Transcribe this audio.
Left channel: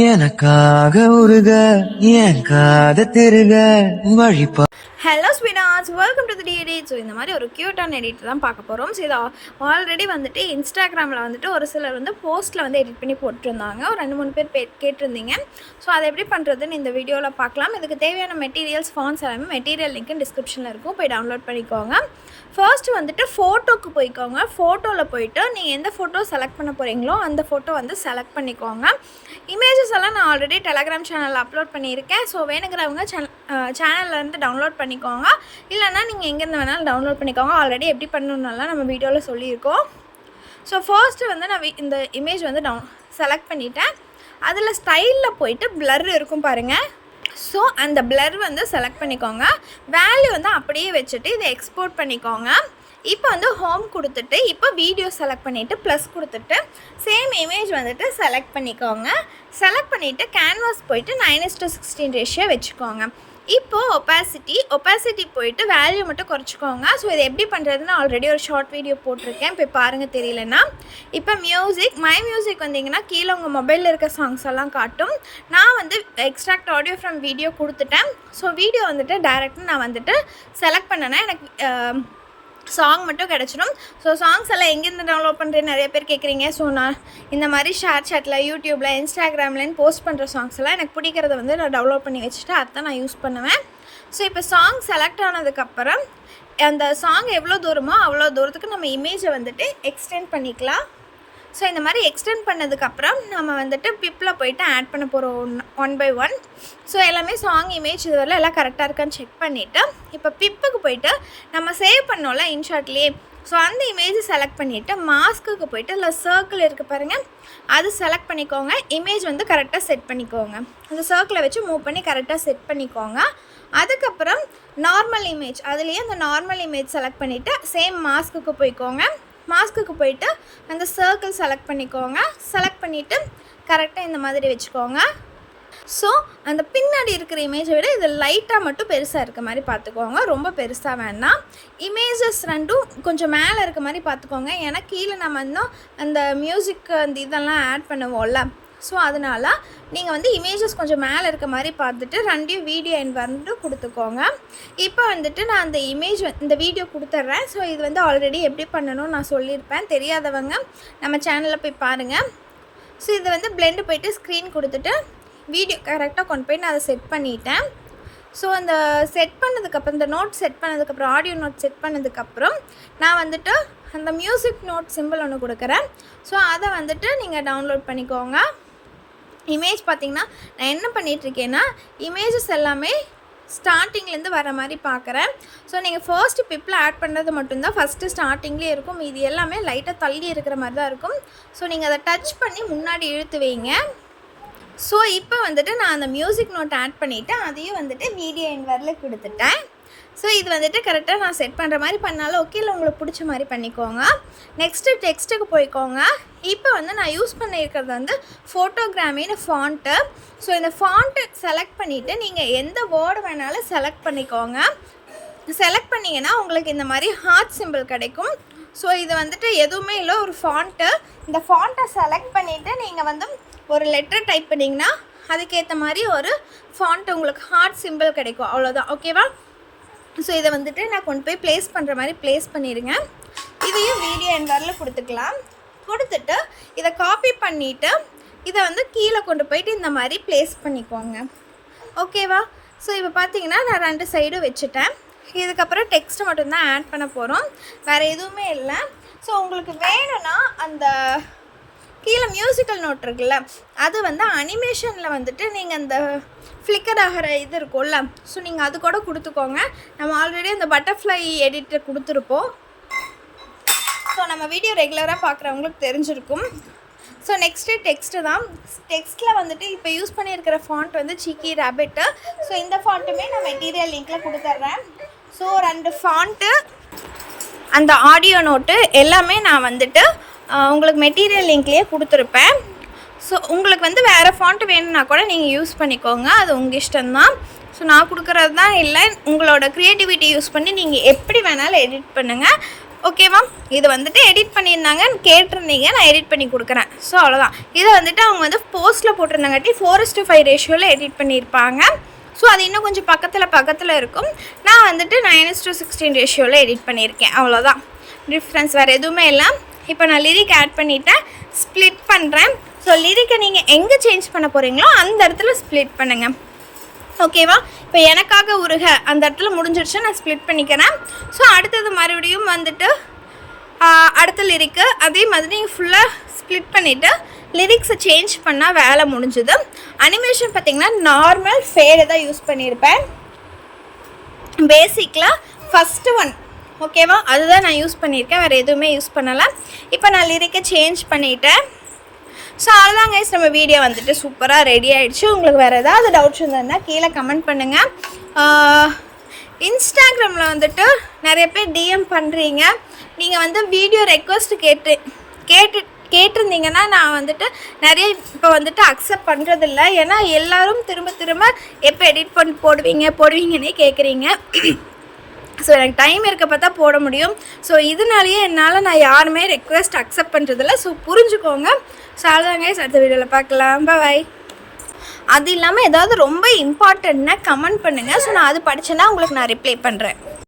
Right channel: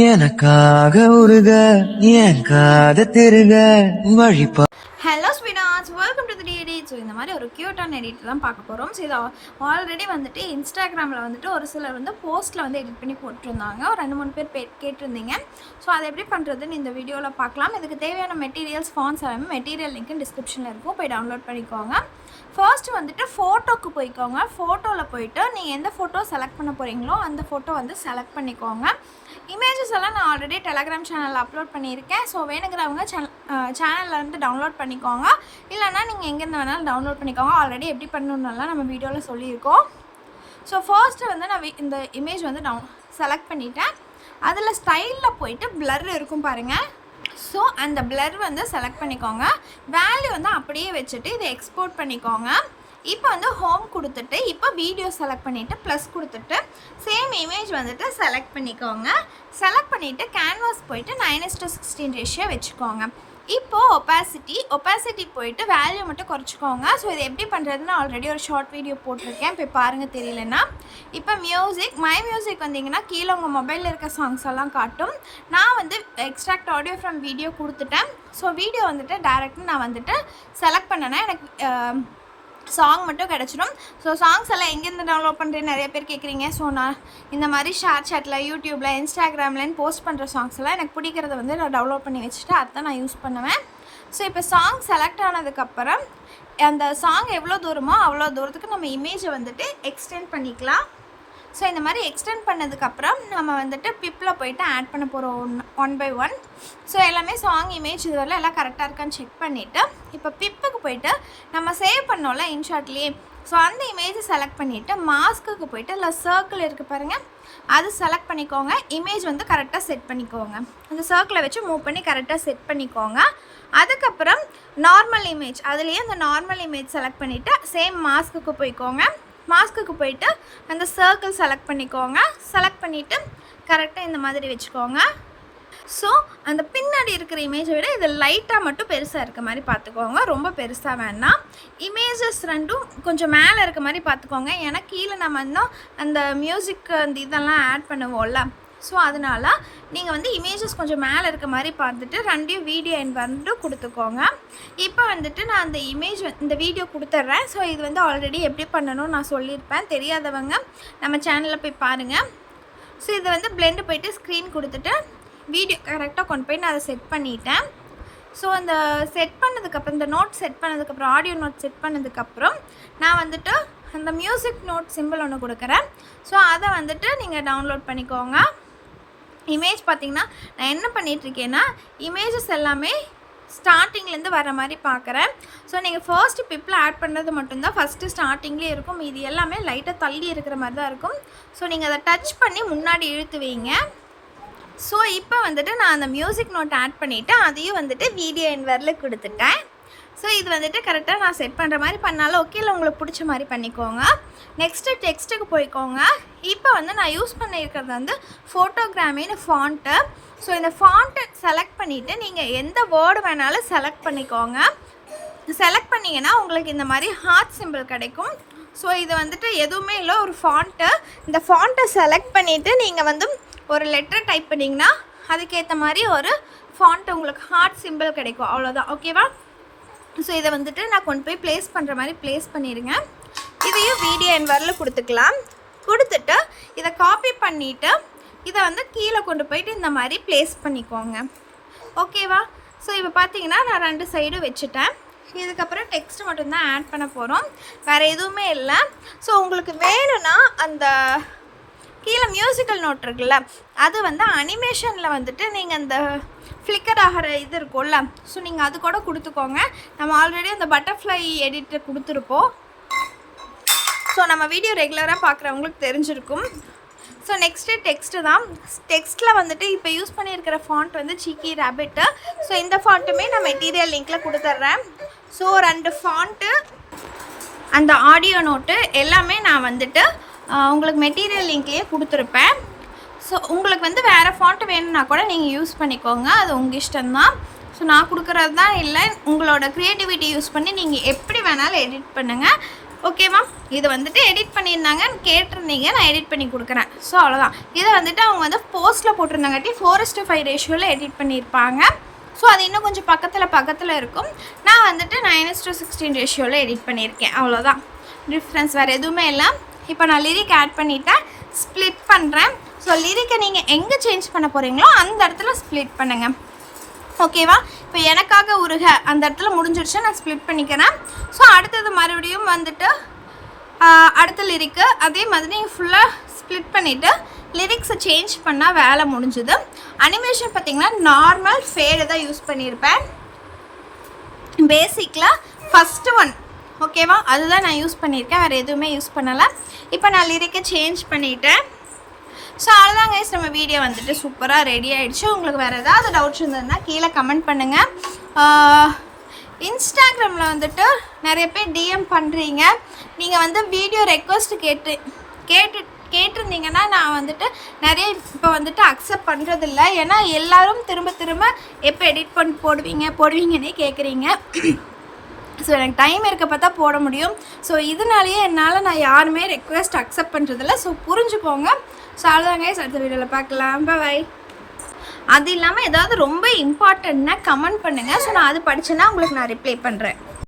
எனக்காக உருக என் காத திருக வழிபா. Hello sweeties, welcome to the edit. So இந்த மாதிரி ஒரு க்யூட்டான எடிட் தான் பார்க்க போகிறோம். ஸோ இதை ஆல்ரெடி வந்துட்டு இன்ஸ்டாகிராமில் வந்துட்டு ஒரு சிலர் வந்து போஸ்ட்டில் வந்து எடிட் பண்ணி போட்டிருந்தாங்க. ஒரு 2-3 பேர் கேட்டிருந்தீங்க. ஸோ அதை எப்படி பண்ணுறதுன்னு இந்த வீடியோவில் பார்க்கலாம். இதுக்கு தேவையான மெட்டீரியல்ஸ், ஃபாண்ட்ஸ் எல்லாமே மெட்டீரியல் லிங்க் டிஸ்கிரிப்ஷனில் இருக்கும், போய் டவுன்லோட் பண்ணிக்கோங்க. ஃபர்ஸ்ட்டு வந்துட்டு ஃபோட்டோக்கு போய்க்கோங்க. ஃபோட்டோவில் போய்ட்டு நீங்கள் எந்த ஃபோட்டோ செலக்ட் பண்ண போகிறீங்களோ அந்த ஃபோட்டோ வந்து செலக்ட் பண்ணிக்கோங்க. இமேஜஸ் எல்லாம் நான் ஆல்ரெடி டெலகிராம் சேனலில் அப்லோட் பண்ணியிருக்கேன். ஸோ வேணுங்கிறவங்க சேனல்லேருந்து டவுன்லோட் பண்ணிக்கோங்க. இல்லைனா நீங்கள் எங்கேருந்து வேணாலும் டவுன்லோட் பண்ணிக்கோங்க. ஆல்ரெடி எப்படி பண்ணணுன்னாலாம் நம்ம வீடியோவில் சொல்லியிருக்கோம். ஸோ ஃபர்ஸ்ட்டு வந்து நான் இந்த இமேஜ் வந்து செலக்ட் பண்ணிவிட்டேன். அதில் ஸ்டைலில் போயிட்டு பிளர் இருக்கும் பாருங்கள். ஸோ அந்த பிளர் வந்து செலக்ட் பண்ணிக்கோங்க. வேல்யூ வந்து அப்படியே வச்சுட்டு இதை எக்ஸ்போர்ட் பண்ணிக்கோங்க. இப்போ வந்து ஹோம் கொடுத்துட்டு இப்போ வீடியோ செலக்ட் பண்ணிவிட்டு ப்ளஸ் கொடுத்துட்டு சேம் இமேஜ் வந்துட்டு செலக்ட் பண்ணிக்கோங்க. செலக்ட் பண்ணிவிட்டு கேன்வாஸ் போயிட்டு 9:16 ரேஷியோ வச்சுக்கோங்க. இப்போது ஒப்பாசிட்டி போயிட்டு வேல்யூ மட்டும் குறைச்சிக்கோங்க. ஸோ இதை எப்படி பண்ணுறதுன்னு ஆல்ரெடி ஒரு ஷார்ட் வீடியோ போட்டிருக்கேன், இப்போ பாருங்கள் தெரியலன்னா. இப்போ மை மியூசிக் வந்தீங்கன்னா கீழே உங்கள் மொபைலில் இருக்க சாங்ஸ் எல்லாம் காட்டும். நான் வந்து எக்ஸ்ட்ராக்ட் ஆடியோ ஃப்ரம் வீடியோ கொடுத்துட்டேன். ஸோ வீடியோ வந்துட்டு டைரெக்டாக நான் வந்துட்டு செலக்ட் பண்ணேன்னா எனக்கு சாங் மட்டும் கிடச்சிடும். ஸோ சாங்ஸ் எல்லாம் எங்கேருந்து டவுன்லோட் பண்ணுறேன்னு நிறைய பேர் கேட்குறீங்க. ஸோ நான் இந்த மாதிரி ஷேர் சாட்டில், யூடியூப்பில், இன்ஸ்டாகிராம்லேன்னு போஸ்ட் பண்ணுற சாங்ஸ் எல்லாம் எனக்கு பிடிக்கிறத வந்து நான் டவுன்லோட் பண்ணி வச்சுட்டு அதை நான் யூஸ் பண்ணுவேன். ஸோ இப்போ சாங் செலக்ட் ஆனதுக்கப்புறம் அந்த சாங் எவ்வளோ தூரமோ அவ்வளோ தூரத்துக்கு நம்ம இமேஜை வந்துட்டு எக்ஸ்டெண்ட் பண்ணிக்கலாம். ஸோ இந்த மாதிரி எக்ஸ்டெண்ட் பண்ணதுக்கப்புறம் நம்ம வந்துட்டு பிப்பில் போய்ட்டு ஆட் பண்ண போகிறோம் 1 by 1. ஸோ எல்லாமே சாங் இமேஜ் இதுவரை எல்லாம் கரெக்டாக இருக்கான்னு செக் பண்ணிவிட்டு இப்போ பிப்புக்கு போய்ட்டு நம்ம சேவ் பண்ணோம்ல இன்ஷாட்லேயே, ஸோ அந்த இமேஜை செலக்ட் பண்ணிவிட்டு மாஸ்க்குக்கு போய்ட்டு இல்லை சர்க்கிள் இருக்குது பாருங்கள், அது செலக்ட் பண்ணிக்கோங்க. இமேஜ் வந்து கரெக்டாக செட் பண்ணிக்கோங்க. அந்த சர்க்கிளை வச்சு மூவ் பண்ணி கரெக்டாக செட் பண்ணிக்கோங்க. அதுக்கப்புறம் நார்மல் இமேஜ், அதுலேயே அந்த நார்மல் இமேஜ் செலக்ட் பண்ணிவிட்டு சேம் மாஸ்க்குக்கு போய்க்கோங்க. மாஸ்க்குக்கு போயிட்டு அந்த சர்க்கிள் செலக்ட் பண்ணிக்கோங்க. செலக்ட் பண்ணிவிட்டு கரெக்டாக இந்த மாதிரி வச்சுக்கோங்க. ஸோ அந்த பின்னாடி இருக்கிற இமேஜை விட இது லைட்டாக மட்டும் பெருசாக இருக்க மாதிரி பார்த்துக்கோங்க, ரொம்ப பெருசாக வேணாம். இமேஜஸ் ரெண்டும் கொஞ்சம் மேலே இருக்க மாதிரி பார்த்துக்கோங்க. ஏன்னா கீழே நம்ம இன்னும் அந்த மியூசிக் அந்த இதெல்லாம் ஆட் பண்ணுவோம்ல, ஸோ அதனால் நீங்கள் வந்து இமேஜஸ் கொஞ்சம் மேலே இருக்க மாதிரி பார்த்துட்டு ரெண்டையும் வீடியோ வந்துட்டு கொடுத்துக்கோங்க. இப்போ வந்துட்டு நான் அந்த இந்த வீடியோ கொடுத்துட்றேன். ஸோ இது வந்து ஆல்ரெடி எப்படி பண்ணணும்னு நான் சொல்லியிருப்பேன், தெரியாதவங்க நம்ம சேனலில் போய் பாருங்கள். ஸோ இதை வந்து பிளெண்டு போய்ட்டு ஸ்க்ரீன் கொடுத்துட்டு வீடியோ கரெக்டாக கொண்டு போய் நான் அதை செட் பண்ணிட்டேன். ஸோ அந்த செட் பண்ணதுக்கப்புறம் இந்த நோட் செட் பண்ணதுக்கப்புறம் ஆடியோ நோட் செட் பண்ணதுக்கப்புறம் நான் வந்துட்டு அந்த மியூசிக் நோட் சிம்பிள் ஒன்று கொடுக்குறேன். ஸோ அதை வந்துட்டு நீங்கள் டவுன்லோட் பண்ணிக்கோங்க. இமேஜ் பார்த்திங்கன்னா நான் என்ன பண்ணிகிட்ருக்கேன்னா இமேஜஸ் எல்லாமே ஸ்டார்டிங்லேருந்து வர மாதிரி பார்க்குறேன். ஸோ நீங்கள் ஃபர்ஸ்ட்டு பிப்பில் ஆட் பண்ணுறது மட்டும்தான் ஃபஸ்ட்டு ஸ்டார்டிங்லேயே இருக்கும். இது எல்லாமே லைட்டாக தள்ளி இருக்கிற மாதிரி தான் இருக்கும். ஸோ நீங்கள் அதை டச் பண்ணி முன்னாடி இழுத்து வைங்க. ஸோ இப்போ வந்துட்டு நான் அந்த மியூசிக் நோட் ஆட் பண்ணிவிட்டு அதையும் வந்துட்டு வீடியோ என்வரில் கொடுத்துட்டேன். ஸோ இது வந்துட்டு கரெக்டாக நான் செட் பண்ணுற மாதிரி பண்ணாலும் ஓகே, இல்லை உங்களுக்கு பிடிச்ச மாதிரி பண்ணிக்கோங்க. நெக்ஸ்ட்டு டெக்ஸ்ட்டுக்கு போய்க்கோங்க. இப்போ வந்து நான் யூஸ் பண்ணியிருக்கிறது வந்து ஃபோட்டோகிராமின்னு ஃபாண்ட்டு. ஸோ இந்த ஃபாண்ட்டை செலக்ட் பண்ணிவிட்டு நீங்கள் எந்த வேர்டு வேணாலும் செலக்ட் பண்ணிக்கோங்க. செலக்ட் பண்ணிங்கன்னா உங்களுக்கு இந்த மாதிரி ஹார்ட் சிம்பிள் கிடைக்கும். ஸோ இது வந்துட்டு எதுவுமே இல்லை, ஒரு ஃபாண்ட்டு. இந்த ஃபாண்ட்டை செலக்ட் பண்ணிவிட்டு நீங்கள் வந்து ஒரு லெட்டர் டைப் பண்ணிங்கன்னா அதுக்கேற்ற மாதிரி ஒரு ஃபாண்ட் உங்களுக்கு ஹார்ட் சிம்பிள் கிடைக்கும், அவ்வளோதான். ஓகேவா? ஸோ இதை வந்துட்டு நான் கொண்டு போய் ப்ளேஸ் பண்ணுற மாதிரி ப்ளேஸ் பண்ணிடுங்க. இதையும் வீடியோ என்வரில் கொடுத்துக்கலாம். கொடுத்துட்டு இதை காப்பி பண்ணிவிட்டு இதை வந்து கீழே கொண்டு போயிட்டு இந்த மாதிரி ப்ளேஸ் பண்ணிக்கோங்க. ஓகேவா? ஸோ இப்போ பார்த்தீங்கன்னா நான் 2 சைடும் வச்சுட்டேன். இதுக்கப்புறம் டெக்ஸ்ட்டு மட்டும்தான் ஆட் பண்ண போகிறோம், வேறு எதுவுமே இல்லை. ஸோ உங்களுக்கு வேணும்னா அந்த கீழே மியூசிக்கல் நோட் இருக்குல்ல, அது வந்து அனிமேஷனில் வந்துட்டு நீங்கள் அந்த ஃப்ளிக்கர் ஆகிற இது இருக்கும்ல, ஸோ நீங்கள் அது கூட கொடுத்துக்கோங்க. நம்ம ஆல்ரெடி அந்த பட்டர்ஃப்ளை எடிட்டர் கொடுத்துருப்போம். ஸோ நம்ம வீடியோ ரெகுலராக பார்க்குறவங்களுக்கு தெரிஞ்சிருக்கும். ஸோ நெக்ஸ்ட்டு டெக்ஸ்ட்டு தான். டெக்ஸ்ட்டில் வந்துட்டு இப்போ யூஸ் பண்ணியிருக்கிற ஃபாண்ட் வந்து சீக்கி ரேபிட்டு. ஸோ இந்த ஃபாண்ட்டுமே நான் மெட்டீரியல் லிங்க்கில் கொடுத்துட்றேன். ஸோ 2 ஃபாண்ட்டு, அந்த ஆடியோ நோட்டு எல்லாமே நான் வந்துட்டு உங்களுக்கு மெட்டீரியல் லிங்க்லேயே கொடுத்துருப்பேன். ஸோ உங்களுக்கு வந்து வேறு ஃபாண்ட்டு வேணும்னா கூட நீங்கள் யூஸ் பண்ணிக்கோங்க, அது உங்கள் இஷ்டம்தான். ஸோ நான் கொடுக்குறது தான் இல்லை, உங்களோட க்ரியேட்டிவிட்டி யூஸ் பண்ணி நீங்கள் எப்படி வேணாலும் எடிட் பண்ணுங்கள். ஓகேவா? இது வந்துட்டு எடிட் பண்ணியிருந்தாங்க, கேட்டிருந்தீங்க, நான் எடிட் பண்ணி கொடுக்குறேன். ஸோ அவ்வளோதான். இதை வந்துட்டு அவங்க வந்து போஸ்ட்டில் போட்டிருந்தாங்காட்டி 4:5 ரேஷியோவில் எடிட் பண்ணியிருப்பாங்க. ஸோ அது இன்னும் கொஞ்சம் பக்கத்தில் இருக்கும். நான் வந்துட்டு 9:16 ரேஷியோவில் எடிட் பண்ணியிருக்கேன். அவ்வளோதான் டிஃப்ரென்ஸ், வேறு எதுவுமே இல்லை. இப்போ நான் லிரிக் ஆட் பண்ணிவிட்டேன், ஸ்ப்ளிட் பண்ணுறேன். ஸோ லிரிக்கை நீங்கள் எங்கே சேஞ்ச் பண்ண போகிறீங்களோ அந்த இடத்துல ஸ்ப்ளிட் பண்ணுங்கள். ஓகேவா? இப்போ எனக்காக உருக அந்த இடத்துல முடிஞ்சிடுச்சு, நான் ஸ்ப்ளிட் பண்ணிக்கிறேன். ஸோ அடுத்தது மறுபடியும் வந்துட்டு அடுத்த லிரிக்கு அதே மாதிரி நீங்கள் ஃபுல்லாக ஸ்ப்ளிட் பண்ணிவிட்டு லிரிக்ஸை சேஞ்ச் பண்ணால் வேலை முடிஞ்சுது. அனிமேஷன் பார்த்திங்கன்னா நார்மல் ஃபேடு தான் யூஸ் பண்ணியிருப்பேன். பேசிக்கில் ஃபஸ்ட்டு ஒன் ஓகேவா, அதுதான் நான் யூஸ் பண்ணியிருக்கேன், வேறு எதுவுமே யூஸ் பண்ணலை. இப்போ நான் லிரிக்கை சேஞ்ச் பண்ணிவிட்டேன். ஸோ அதுதான் கைஸ், நம்ம வீடியோ வந்துட்டு சூப்பராக ரெடி ஆகிடுச்சு. உங்களுக்கு வேறு ஏதாவது டவுட்ஸ் இருந்ததுன்னா கீழே கமெண்ட் பண்ணுங்கள். இன்ஸ்டாகிராமில் வந்துட்டு நிறைய பேர் டிஎம் பண்ணுறீங்க. நீங்கள் வந்து வீடியோ ரெக்வஸ்ட் கேட்டிருந்தீங்கன்னா நான் வந்துட்டு நிறைய இப்போ வந்துட்டு அக்செப்ட் பண்ணுறதில்ல. ஏன்னா எல்லோரும் திரும்ப எப்போ எடிட் பண்ணி போடுவீங்கன்னே கேட்குறீங்க. ஸோ எனக்கு டைம் இருக்க பார்த்தா போட முடியும். ஸோ இதனாலேயே என்னால் நான் யாருமே ரெக்வெஸ்ட் அக்செப்ட் பண்ணுறதில்ல. ஸோ புரிஞ்சுக்கோங்க. ஸோ அதுதாங்க அடுத்த வீடியோவில் பார்க்கலாம். பாய். அது இல்லாமல் ஏதாவது ரொம்ப இம்பார்ட்டன்ட்னா கமெண்ட் பண்ணுங்கள். ஸோ நான் அது படித்தேன்னா உங்களுக்கு நான் ரிப்ளை பண்ணுறேன்.